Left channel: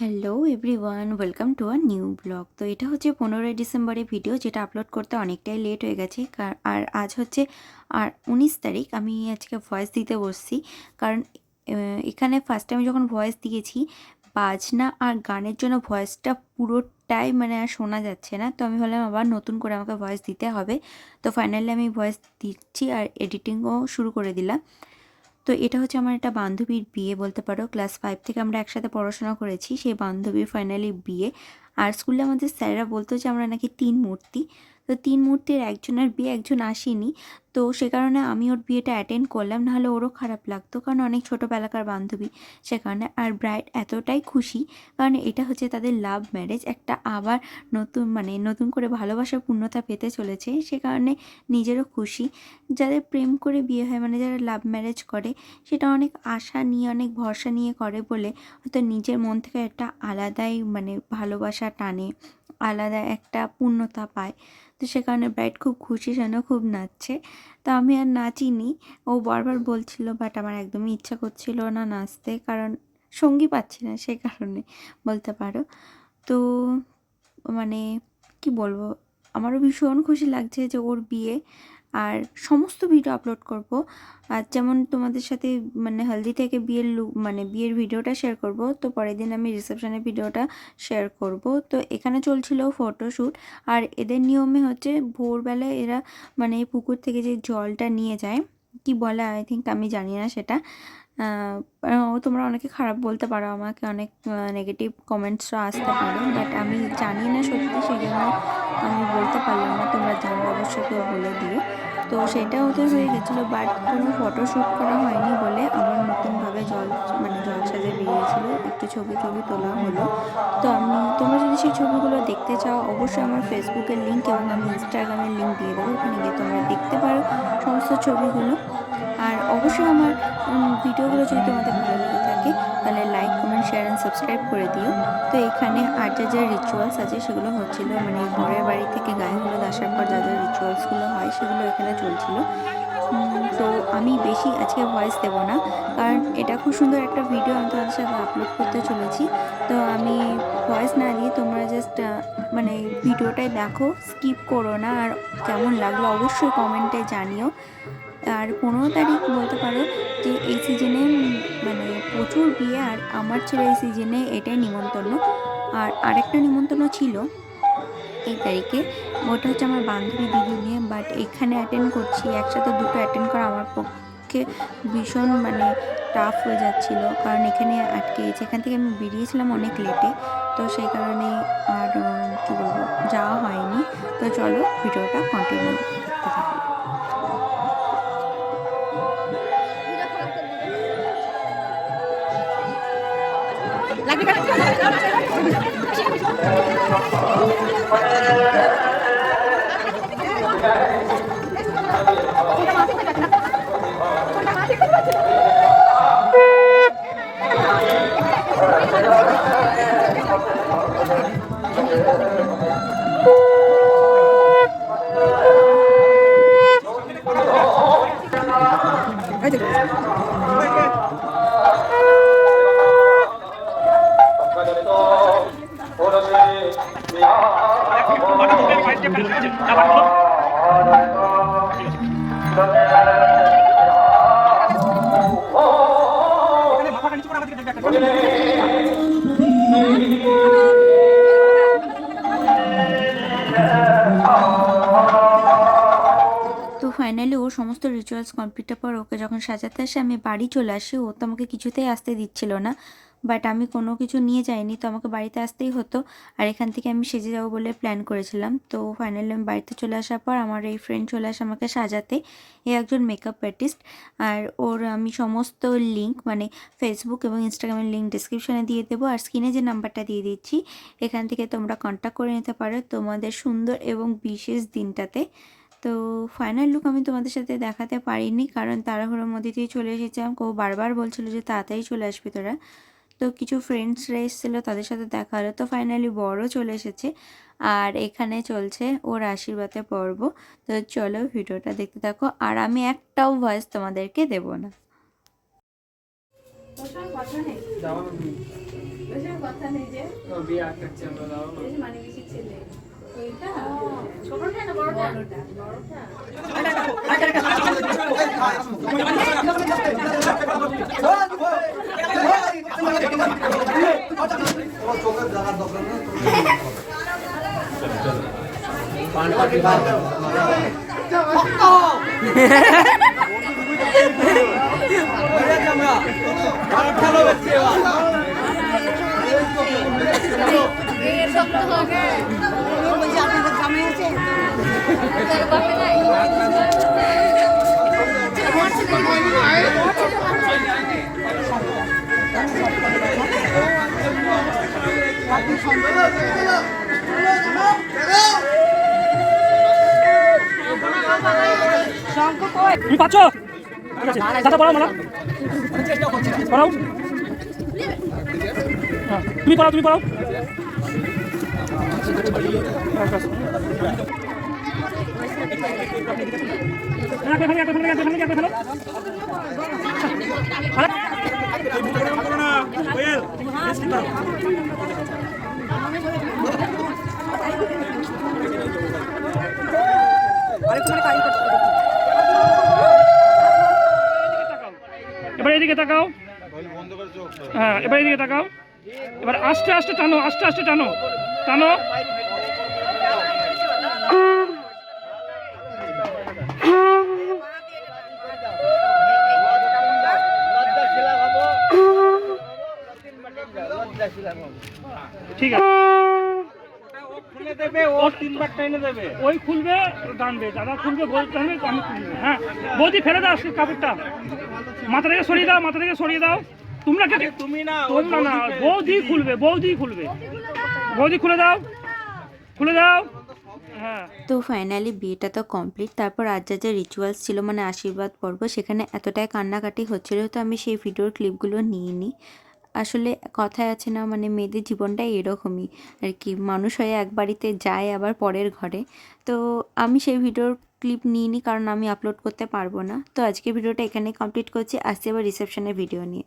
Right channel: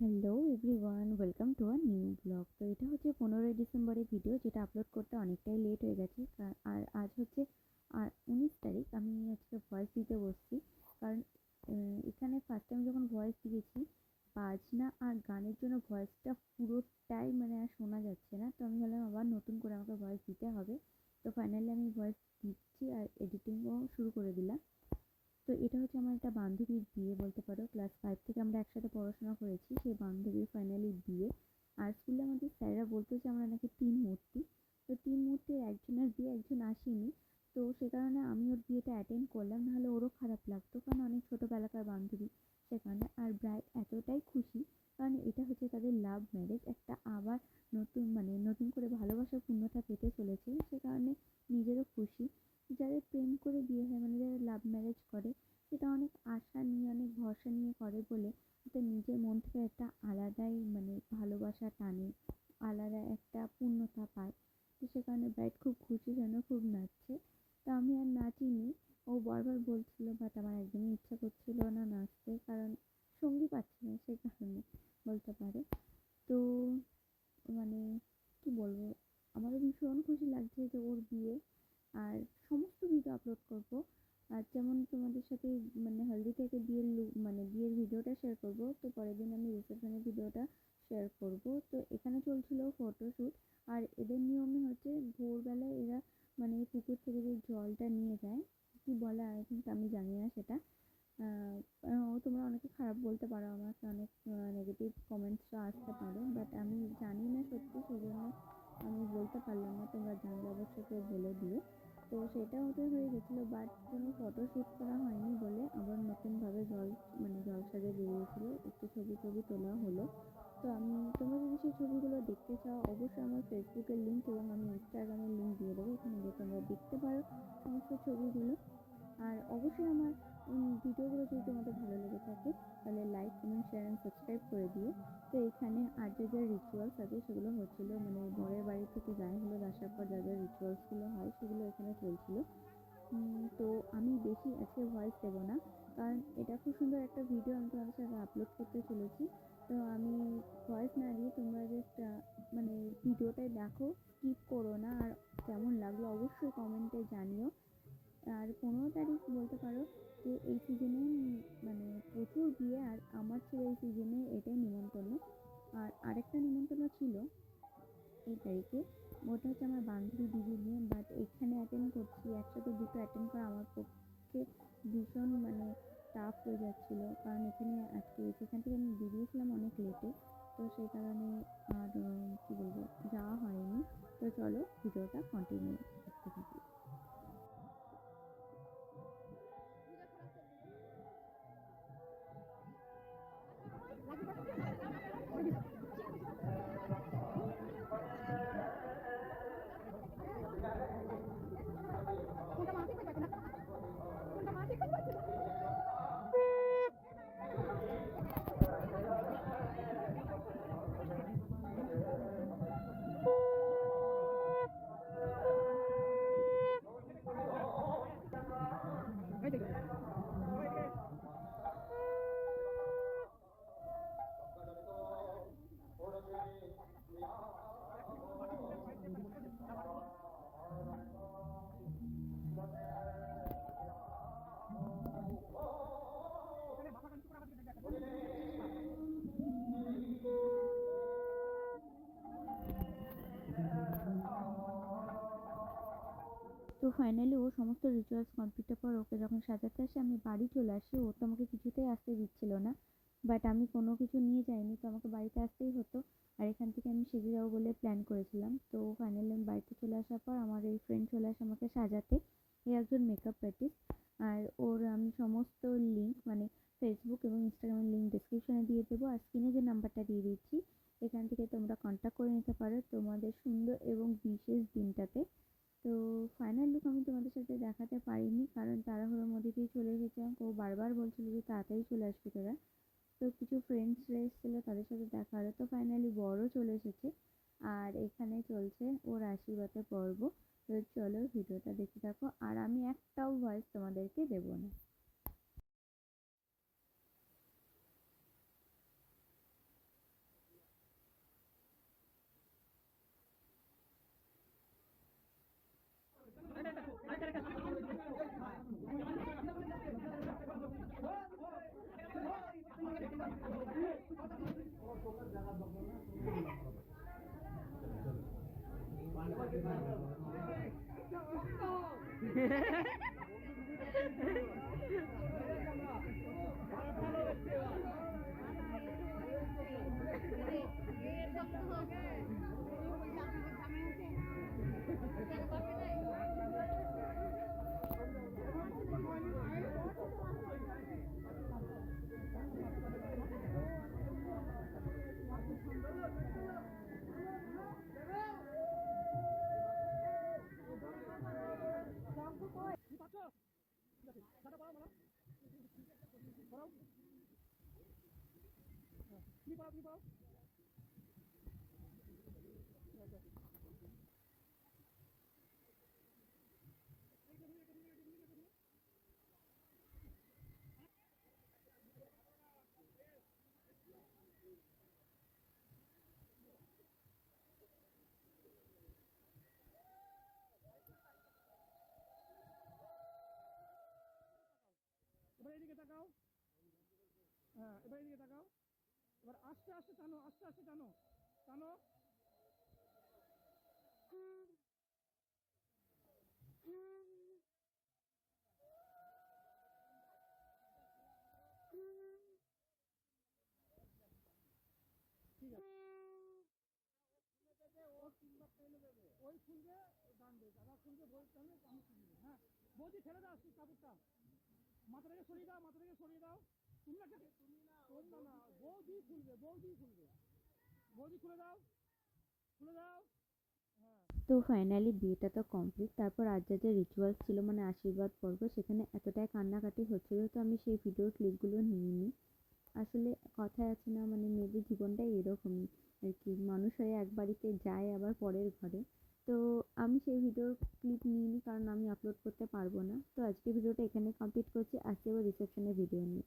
Hello everyone, welcome to a new blog. তো এটা হচ্ছে 15ই ডিসেম্বরের ভিডিও, যেটা আপলোড করতে অনেকটাই লেট হয়ে গেছে। আর আজ হচ্ছে 19 তারিখ। আমি আজকে ভয়েস দিতে বসছি কারণ এখানে ফার্স্ট টাইম যখন ভয়েস দিয়েছি, বাজনা আর গানের জন্য ভয়েসটা পুরোটাই আর শোনা যাচ্ছে না। তো আমি ভাবলাম আবার নতুন করে আমাকে ভয়েস দিতে হবে। তো ফাইনালি আমি ভয়েস দিচ্ছি আর এডিটিংও শুরু করে দিলাম। তো এটা হচ্ছে আমার একটা বান্ধবীর বিয়ে বলতে পারো। ক্লাস 5 থেকে আমরা একসাথে পড়াশোনা করেছি। সেই বান্ধবীর ফাইনালি বিয়ে। আর স্কুলে আমাদের স্যারেরা বলতো যে আমরা নাকি 3 মূর্তি। তো 3 মূর্তির একজনের বিয়ে, একজন আসেনি। তো সে কারণে আমি ওর বিয়েটা অ্যাটেন্ড করলাম, নাহলে ওরও খারাপ লাগতো কারণ অনেক ছোটোবেলাকার বান্ধবী। সে কারণে আর ব্রাইড এতটাই খুশি কারণ এটা হচ্ছে তাদের লাভ ম্যারেজ। একটা আবার নতুন করে ভালোবাসার পূর্ণতা পেতে চলেছে। সে কারণে নিজেরও খুশি। যাদের প্রেম করে বিয়ে হয়, যারা লাভ ম্যারেজ করে, সেটা অনেক আশা নিয়ে, অনেক ভরসা নিয়ে করে বলে হয়তো নিজের মন থেকে একটা আলাদাই ভালোবাসা টানে, আলাদা একটা পূর্ণতা পায়। তো সে কারণে ব্রাইড খুব খুশি, যেন খুব নাচছে। তো আমি আর নাচিনি। ও বারবার বলছিল, বাট আমার একদমই ইচ্ছা করছিল না নাচতে, কারণ সঙ্গী পাচ্ছি না, সে কারণে বলতে পারো। তো মানে কি বলবো, আমারও ভীষণ খুশি লাগছে যে ওর বিয়ে। আর সমস্ত ভিডিও আপলোড করব। আর যেমন তোমাদের সাথে হলদি থেকে বিয়ের বিয়ের ভিডিওটা শেয়ার করব, তো পরের দিন আমি রিসেপশনের ভিডিওটা শেয়ার করব। তো এখানে চলছিল ফটোশ্যুট। আর এদের নিয়মে হচ্ছে ভোরবেলায় এরা পুকুর থেকে যে জলটা নিয়ে যায়, কি বলে আই থিঙ্ক, আমি জানি না সেটা। তোমরা অনেকে খারাপ বলতে পারো, আমাকে অনেক নেগেটিভ কমেন্টসও আসতে পারে, বাট আমি জানি না সত্যি, সেই জন্য আমি বলতে পারলাম না। তোমরা জানলে অবশ্যই কেউ বলে দিও। তো সেটা ওদের হয়ে গেছিলো, বাট কোনো ফটোশ্যুট করা হয়নি বলে আবার নতুনভাবে জল সাজে বেরিয়েছিলো, একটু ছবি টবি তোলা হলো। তো তোমরা যদি সেই ছবিগুলো দেখতে চাও, অবশ্যই আমার ফেসবুকের লিঙ্ক এবং আমি ইনস্টাগ্রামের লিঙ্ক দিয়ে দেবো, ওখানে গিয়ে তোমরা দেখতে পারো সমস্ত ছবিগুলো। আর অবশ্যই আমার ভিডিওগুলো যদি তোমাদের ভালো লেগে থাকে, তাহলে like, comment, share and subscribe করে দিও। তো এখানে আর যা রিচুয়ালস আছে সেগুলো হচ্ছিলো, বরের বাড়ি থেকে গায়ে হলুদ আসার পর যা রিচুয়ালসগুলো হয় সেগুলো এখানে চলছিল। তো আমি বেশি আজকে ভয়েস দেব না, কারণ এটা খুব সুন্দর একটা ভিডিও আমি তোমাদের সাথে আপলোড করতে চলেছি। তো আমি ভয়েস না দিয়ে তোমরা জাস্ট ভিডিওটাই দেখো, স্কিপ করো না। আর কেমন লাগলো অবশ্যই কমেন্টে জানিও। আর 15 তারিখ বলতে পারো যে এই সিজনে প্রচুর বিয়ে, আর আমার ছিল এই সিজনে এটাই নিমন্ত্রণ। আর আরেকটা নিমন্ত্রণ ছিল এই তারিখে, ওটা হচ্ছে আমার বান্ধবী দিদি নিয়ে, বাট এখানে অ্যাটেন্ড করছি, একসাথে দুটো অ্যাটেন্ড করা আমার পক্ষে ভীষণ টাফ হয়ে যাচ্ছিল, কারণ এখানে আটকে গেছে। এখান থেকে আমি বেরিয়েছিলাম অনেক লেটে, তো সেই কারণে আর কী বলবো, যাওয়া হয়নি। তো চলো ভিডিওটা কন্টিনিউ দেখতে থাকি। তো ফাইনালি ওর সমস্ত রিচুয়ালস কমপ্লিটের পর ওকে যখন সাজাতে আসে, আমি বাড়ি চলে আসি। ও তো আমাকে কিছুতেই আসতে দিচ্ছিল না, বাট আমি কোনো কিছু নিয়ে যাইনি, তো আমাকে বাড়িতে আসতেই হতো। আর এখান থেকে আমি সেজে যাবো বলে প্ল্যান করেছিলাম। তো ফাইনালি আমি বাড়িতে চলে আসার পর আমার এই ফ্রেন্ড চলে আসে আমাকে সাজাতে। এ একজন মেকআপ আর্টিস্ট। আর ওর আমি সমস্ত লিঙ্ক ফেসবুক এবং ইনস্টাগ্রামের লিঙ্ক ডিসক্রিপশনে দিয়ে দেবো, আর স্ক্রিনে যে নাম্বারটা দিয়ে দিচ্ছি, এখান থেকে তোমরা কন্ট্যাক্ট করে নিতে পারো তোমাদের সুন্দর এবং বিশেষ দিনটাতে। তো ফাইনাল লুক আমি তোমাদের সাথে দেখাতে পারিনি, কারণ তাড়াহুড়োর মধ্যে দিয়ে চলে এসেছিলাম। কেউ বারবার বলছিল যে তাড়াতাড়ি চলে আসবে তোরা। তো কিছু ফ্রেন্ডসরা এসেছিলো, তাদের সাথে দেখা হলো। তো ফাইনালি বড়ও চলে এসেছে, আর এখানে চলছে ওর আশীর্বাদের পর্ব। তো চলো ভিডিওটা দেখতে থাকো, আর আমি একটাও ভয়েস তোমাদেরকে দেব না। তুমি পাচ্ছো? ঠিক আছে, দাদা পড়াও মালা পড়াও। তুমি পড়াও, তুমি পড়াও। এবার এদিকে তাকাও। হ্যাঁ, এবার এদিকে তাকাও। এবার আস্তে আস্তে টানো, আস্তে আস্তে টানো, টানো। ঠিক আছে, ওই খুলবে টানবে, দাদা খুলবে, বৌদি টানবে, আমি খুলবে। হ্যাঁ বৌদি ফেলে দাও কাপড়টা, মাথা থেকে সরিয়ে দাও, মাথা থেকে সরিয়ে দাও। তোমরা তুমি না, তোমরা না, বৌদি খুলবে, বৌদি খুলবে। বৌদি খুলে দাও, খুলে দাও। হ্যাঁ, তো ফাইনালি বিয়েটা তো কমপ্লিট। তারপর আজ যা রিচুয়ালস ছিল মানে আশীর্বাদ পর্ব, সেখানে এতটাই কান্নাকাটি হচ্ছিল তো আমি সেই ভিডিওর ক্লিপগুলো নিয়ে নিই। আসলে কথায় আছে না, মানে মেয়েদের জীবনটাই এরকমই আর কি, মানুষ হয়ে এক বাড়িতে যায় আবার পরের ঘরে। তো আমি সেই ভিডিওর ক্লিপ নিয়ে নিই কারণ আমি আপলোড করতে পারবো না। তো আজকে ভিডিওটা এখানেই কমপ্লিট করছি, আসছি আবার রিসেপশনের ভিডিও নিয়ে।